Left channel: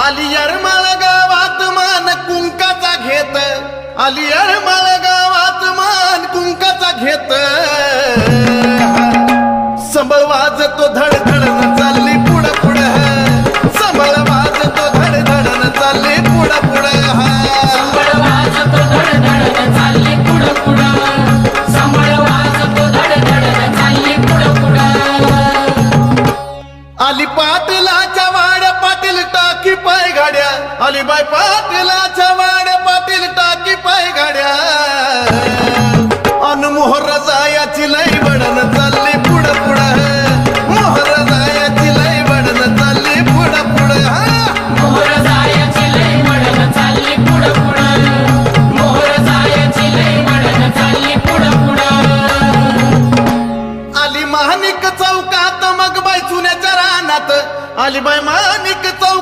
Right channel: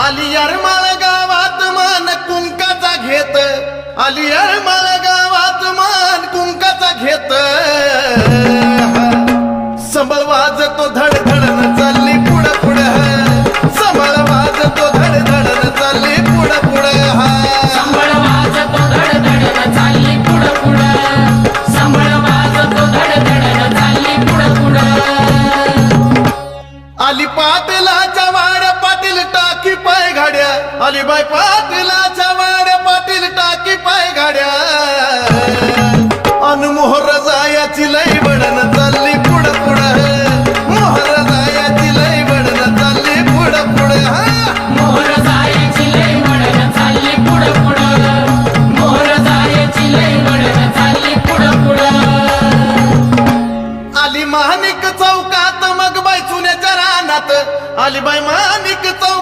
आली यरमाळ गावात मान कुंकाचा घेत, आली यरमाळ गावात मान कुंकाचा घेत, संबळ वाजतो धड धडन चालली पुढं पुढं, संबळ वाजतो धड धडन चालली पुढं पुढं. आली पाटलाच्या वाड्या पाटील टाकी पाय गाड्या, आली बाई पाटलाच्या